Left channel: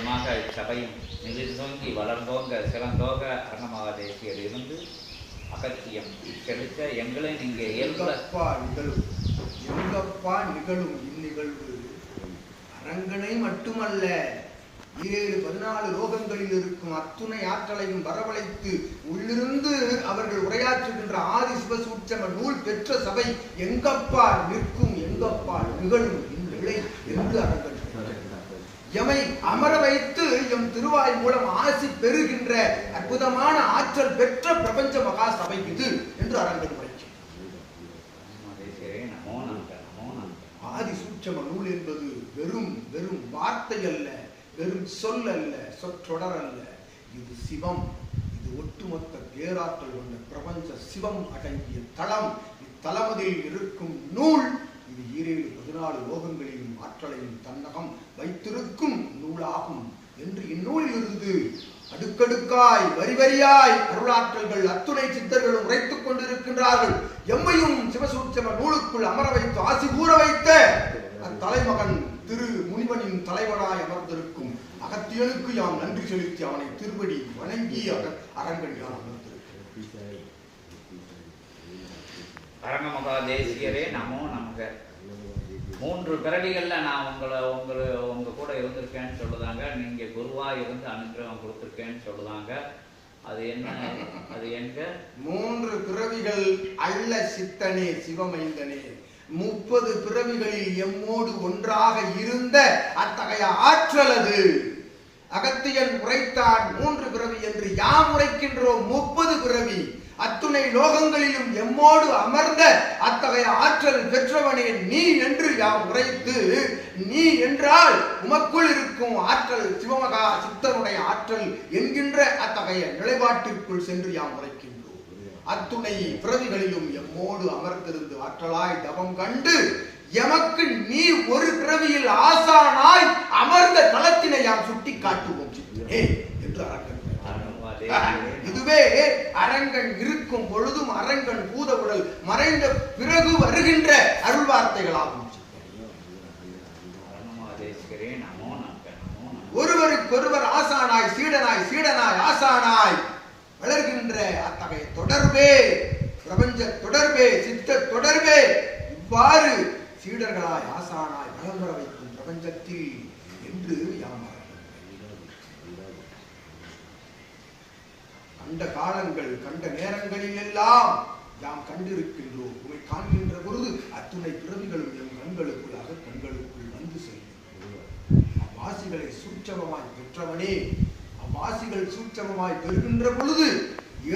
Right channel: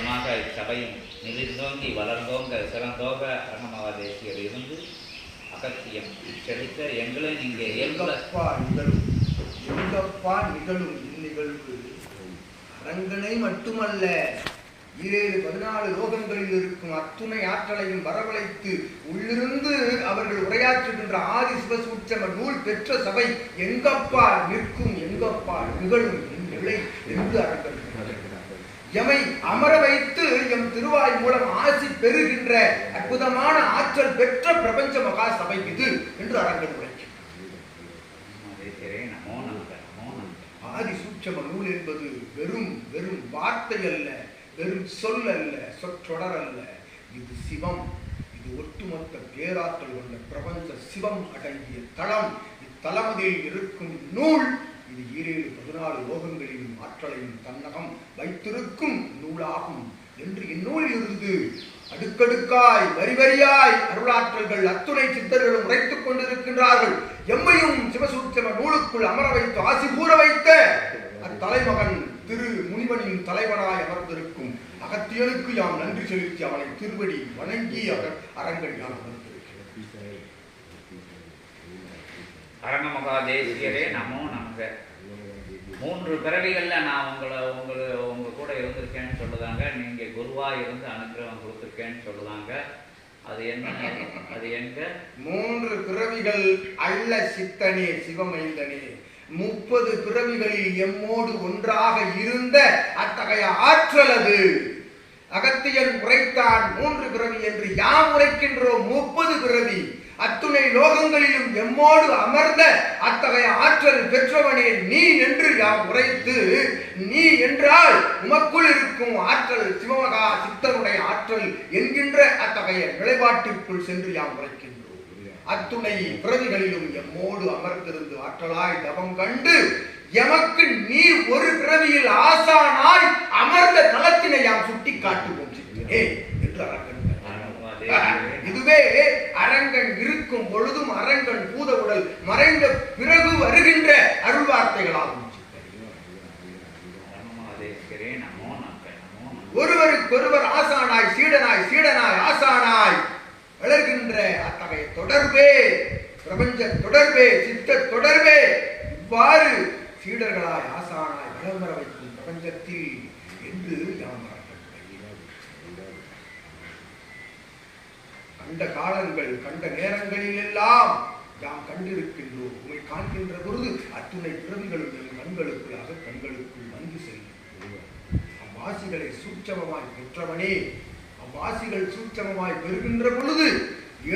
அற்புதமாக இச்சபையும் நிதிர்ந்தோங்கி வளர்ந்தோங்க சிறந்தோங்க அரணமாக தேசியர் இருந்து அகத்தியம் செலுத்த எங்களை நீங்க எங்கப்பா நிகழும்? எங்கப்பா நிகழும் இந்நிகழ்வு? அரங்கனை மட்டுமல்ல ஈரேழு பதினாலு லோகங்களில் இருக்கும் அத்துணை ஆற்றலையும் வரவழைத்து உள்ளிருந்து அவர்கள் உரையாற்றுகின்ற ஆதி சிவசூட்சம நூல் பெற்ற சபை எங்கப்பா நிற்கும்? எங்கப்பா நிகழும்? இந்நிலை என்று அரங்க எமை அமர வைத்து எம் திருவாய் மூலம் ஆசி பெறுகின்ற அற்புதமான ஆற்றல் பெற்ற பிரபஞ்ச மகா சபை இது என்று அரங்கன் உரைக்கிறார் ஆதி சூட்சம நூல் என்பது வெறும் வெறும் வார்த்தை அல்ல வெறும் சொல் அல்ல சொற்றொடர் அல்ல. இது சிவம் இது ஒட்டுமொத்த பேராற்றல் கொண்ட பிரபஞ்ச சிவம் அடங்கிய தளம். இத்தலமதில் இருக்கும் நூல் இது ஈரேழு பதினாலு லோகங்களையும் ஆற்றலையும் தன்னகம் வைத்திருக்கும் நூலாகும் என்று இந்நூலில் இருந்து அடுக்கடுக்காய் வரி வரியாய் அருளாற்றல்கள் அத்துணை சித்தர்களும் உரைத்துக் கொண்டிருக்கின்றார்கள். எம்மையும் சிவசூட்சம நூலுக்குள் அமர வைத்து ஆசி கூற வைத்த அத்தலைமகன் திரு முனிவனின் தலைவனாய் அமர்ந்திருக்கும் அகத்தியனுக்கு யாம் நன்றி செலுத்தி அவனை திருவடி வணங்கி அவர் அரங்கன் யான் அமர்ந்திருக்கிறேன் அரங்கமகா தேசியரே நமோ நமக. மூன்று பிறவிகள்ல நான் உங்களை உங்களை உங்க கூட இருந்திருக்கேன்னு சொல்லுதாங்க. நீங்க குருவா இருந்து அனுகிரகம் கொடுத்துருக்கேன்னு சொல்லுதாங்க. அது என்ன அது எங்க? மூன்று பிறவிகள் அல்ல சித்தனே சிவமைந்தனே முப்பது பிறவிகளில் எம்மோடு ஒன்றாக இருந்த அத்தகைய ஆற்றல் அது. அகத்தியன் உரைத்தான் மூன்று பிறவி என்று யாம் உரைக்கின்றோம் முப்பது பிறவி. அத்துணை லோகங்களிலும் எம்மோடு அமர்ந்த அத்தகைய ஆற்றல் பெற்றவனே நீ என்று யாம் உரைத்து நீ என்றால் உமக்குள் இருக்கும் ஆற்றல் சிவமகா சித்தனுடைய ஆற்றல் என்கின்ற அத்தகைய நிலைப்பாட்டிற்குள் சென்று யாம் உரைக்கின்றோம். அத்துணை பிறவிகளிலும் எம்மோடு அமர்ந்திருந்து ஆற்றலாய் தவம் கண்டு எமக்கு நீ ஒரு பிறவியில் ஆசானாய் அமர்ந்த தளத்தினை யாம் சுட்டி காட்டுவோம் சித்தனே என்று இதுவே அரங்கன் இருக்கும் பொழுதும் அரங்கன் பூத உடல் மறைந்த பிறகு வருகின்ற அருள் வார்த்தைகளாகும். ஒருவருக்கொருவர் ஆசானாய் சீடனாய் சீடனாய் ஆசானாய் வளர்கின்ற அத்தகைய தொடர்பே பிரபஞ்ச தொடர்பே சித்த தொடர்பே இவ்வாறு சீடர்களாய் ஆசானாய் வளம் வர வைக்கும் பிரபஞ்சத்தில் என்று யாம் கண்ட காலங்கள் கண்ட நேரங்களில் எல்லாம் யாம் கண்டிருக்கின்றோம். உமை காண்கின்ற பொழுது அத்துணை பிறவிகளும் எம் கண்களுக்குள்ளாக கண்களுக்குள் வந்து செல்கின்றோம் அவ்வாசிகளை சூட்சமமாய் பெற்றவனே அவ்வாசிகள் சூட்சமமாய் பெறுகின்ற பொழுது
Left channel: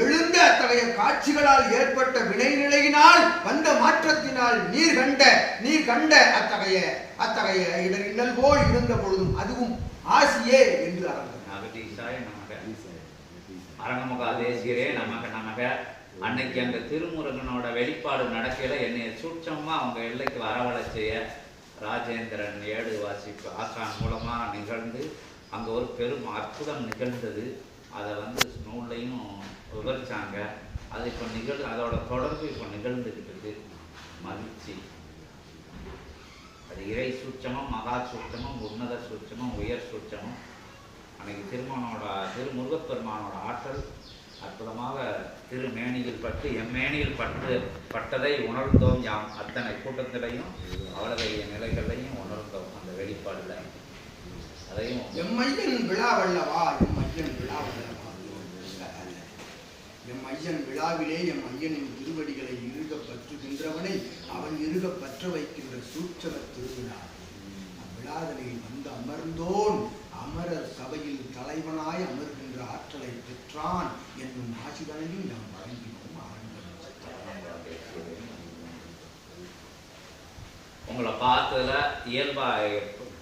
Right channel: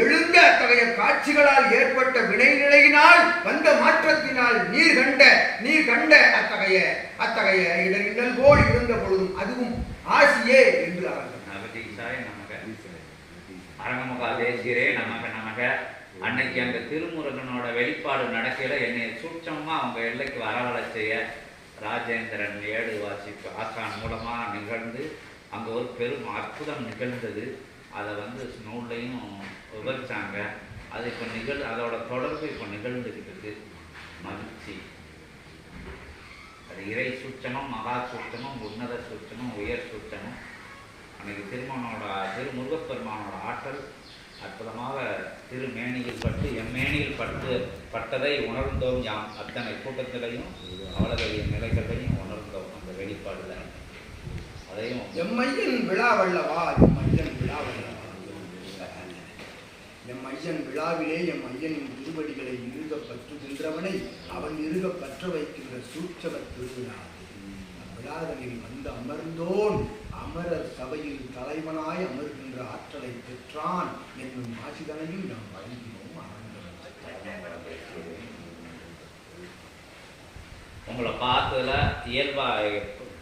எழுந்த அத்தகைய காட்சிகளால் ஏற்பட்ட வினைநிலையினால் வந்த மாற்றத்தினால் நீர் கண்ட நீர் கண்ட அத்தகைய அத்தகைய இடரில்லல் போல் இருந்த பொழுதும் அதுவும் ஆசியே என்று அவர்கள் நகதீசாய நமக நமக நமக. அன்னைக்கு அந்த திருமுருகனோட வெளிப்பாடு நடக்கையில் என்னை சூட்சமா அவங்க எல்லைக்கு வரவழை செய்ய ராஜேந்திரன் ஏடு வாசிப்பு ஆசான் மூலமா நிகழ்ந்து அங்க ஒரு பெரும் அற்புதம் நிகழ்ந்தது. அதை வந்து நூல்லையும் விவரிச்சாங்க. அது இப்போ நிகழ் அதோட தொடர்பு இப்போ நிகழ்ந்துகிட்டு இருக்கு. மகிழ்ச்சி. அது இறை சூட்சமும் மகா சூட்சமும் உன்னத சூட்சமும் உயர் சூட்சமும். அன்னைக்கு திருமணோட திருமுருகப்பெருமானோட ஆற்றல் அற்புதமாக திருமேனியில் பட்டு எம்மேனியில் பட்டு பட்டதை உணர்ந்தோம் யாம். அத்தனை கூட்டத்திலையும் அவளுடைய நிலைகளையும் உணர்ந்தோம் அந்த வெளிப்பாடுல. அதையும் எம் ஐயன் விழாவல்லவா? எம் ஐயன் விழாவல்லவா? எம் ஐயன் விழாவிலே எம் ஐயனின் திருவடிகளை இறுக பற்றுகின்றவனை அவன் இருக பற்ற வைக்கின்ற சூட்சம திருவிழா. அவ்விழாதனில் வந்து அமர்ந்தோன். அமரர் சபையில் தலைவனாய் அமர்கின்ற ஆற்றலை பெற்றான் என்னும் ஆசிதனையும் நாம் வழங்கினோம் உங்களை பார்த்ததுல இயல்பா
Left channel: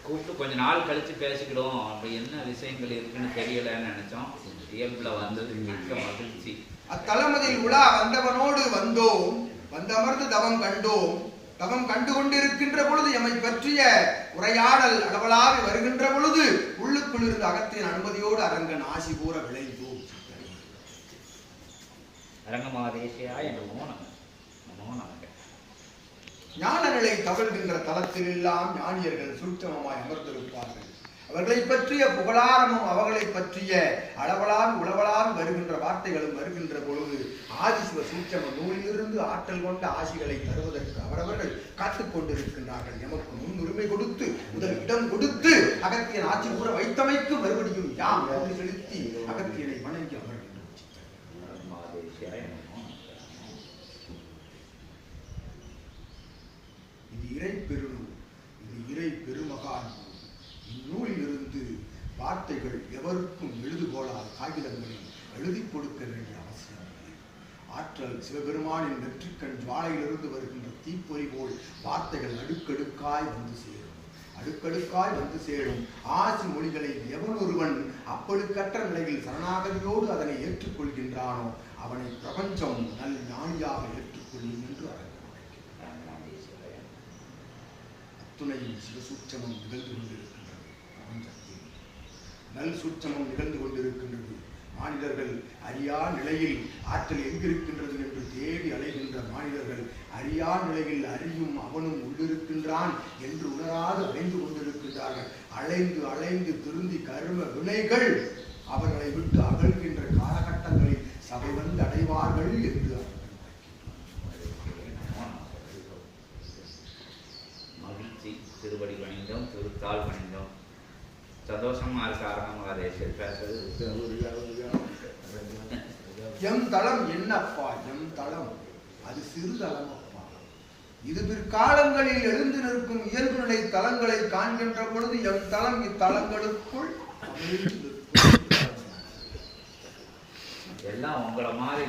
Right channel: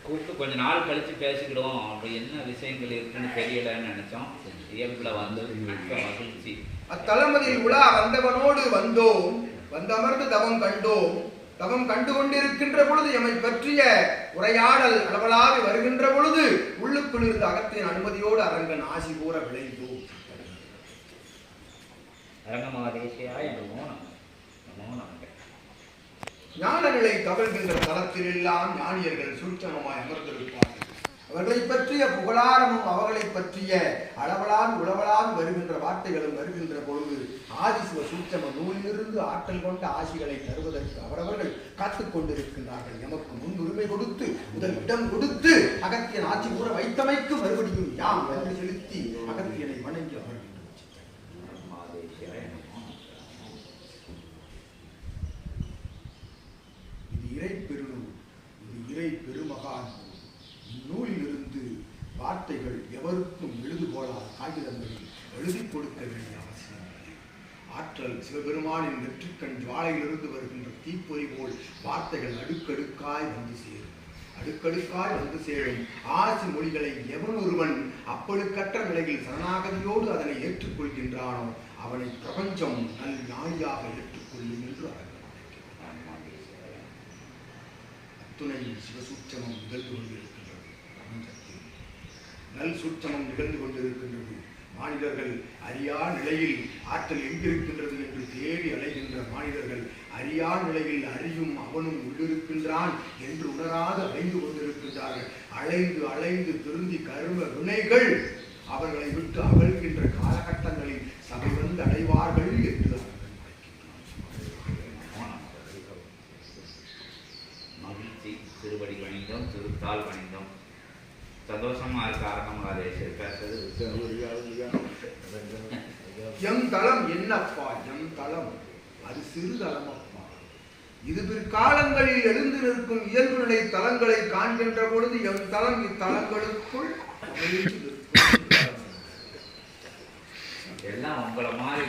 கூப்பிட்டு கொஞ்ச நாள் கழிச்சு பேசிக்கிடுவோம் அப்படி என்ன விஷயங்கள் இருக்குன்னு தெரியலன்னு நினைச்சோம். இயல்புல வந்தது மிக்க மகிழ்ச்சி. அத்தலமதில் உலா வந்தவனோடு வந்தோம். வந்தமர்ந்து தவம் கண்டோம். தவம் கண்டு கொண்டிருக்கின்ற பொழுது எம்மை பற்றிய உரையாடல் அளவலாவி வருகின்ற பொழுது உள்ளுக்குள் இருந்த அகத்தின் அனுமதியோடு அரங்கன் ஆசி கூற விளைந்தோம் அரங்கமாதேசியாய நமோ நம நமோ நமக ஞான நிலை தவழ்கின்ற தலத்தில் எல்லாம் ஞானியர்கள் சூட்சமமாய் அமர்ந்திருப்பார்கள். அவர்களை பற்றிய புகழாரமும் அவர்களை பற்றிய அளவலால் உளவலால் வருகின்ற வார்த்தைகளும் வருகின்ற பொழுது ஆதிசிவ சூட்சம நூலிலிருந்து ஆற்றல் கொண்ட ஆசிகளை தருவதற்கு அவரவர்கள் காத்துக்கொண்டிருக்கின்றார்கள் எமக்கு முன்னுரிமை கொடுத்து முதல் இடம் கொடுத்து அகத்தியன் ஆட்சி கூற வைத்தமைக்கு மறுபடியும் யாம் என்று செலுத்தி அகத்தியனை வணங்கி அமர்கின்றோம் பிரம்மாதேசியாய நமோ இது இறை பெருநூல் இது இறை பெருமகான் நூல் இந்நூலிலிருந்து வார்த்தைகள் எவருக்கும் எழுதுகோளால் காகிதங்களில் எழுதி கொடுக்க வேண்டிய அவசியம் ஆற்றல் சிவபெருமானின் நெற்றிக்கண் ஜுவாலையிலிருந்து வருகின்ற தீப்பொறி போல் வார்த்தைகள் அடுக்கடுக்காய் வந்து சேரும். அடுக்கடுக்காய் வந்து சேரும். ஆசி மொழிகளை எவன் ஒருவன் அப்பழுக்கற்ற நிலையில் சரணாகதியோடு அதனை ஏற்றுக்கொள்கின்றானோ அவனை பிரபஞ்சம் நல் ஞானியாக ஏற்றுக்கொள்ளும் என்று அவர் அத்துணையில் சிவசூட்சமம் நிகழ்ந்து கொண்டிருக்கின்றது. பிரபஞ்சத்தில் நல் சூட்சமம் நிகழ்ந்து கொண்டிருக்கின்றது. மானிடர்கள் அறியா நிலையில் ஆற்றல் எங்கிருக்கின்றது என்று தேடி அலைகின்ற மானிடர்கள் அறியா நிலையில் அறியும் அவனும் உள்ளிருக்கின்றான் என்று உணராது அலைந்து கொண்டிருக்கின்றார்கள். அலைந்து அலைந்து திருந்தி கரும வினைகள் அவர்களை விட்டு அகழ்கின்ற காலகட்டங்களில் சபை வந்து அடைவார்கள் என்று மகிழ்ச்சி திருவடி பணிந்தோம் திருத்தால் பணிந்தோம் சந்தோஷமா இருக்க பேசுறது எம் தளம் என்னப்பா? எம் தளம். அது சிறு தளம் அப்பா இது பிற்காலங்களில் எழுந்து நிற்கும் இயல்பு நிலை தலங்களை காண்கின்ற பொழுது எம் தளம் இத்தலங்களுக்குள். எல்லாம் உங்களை மாதிரி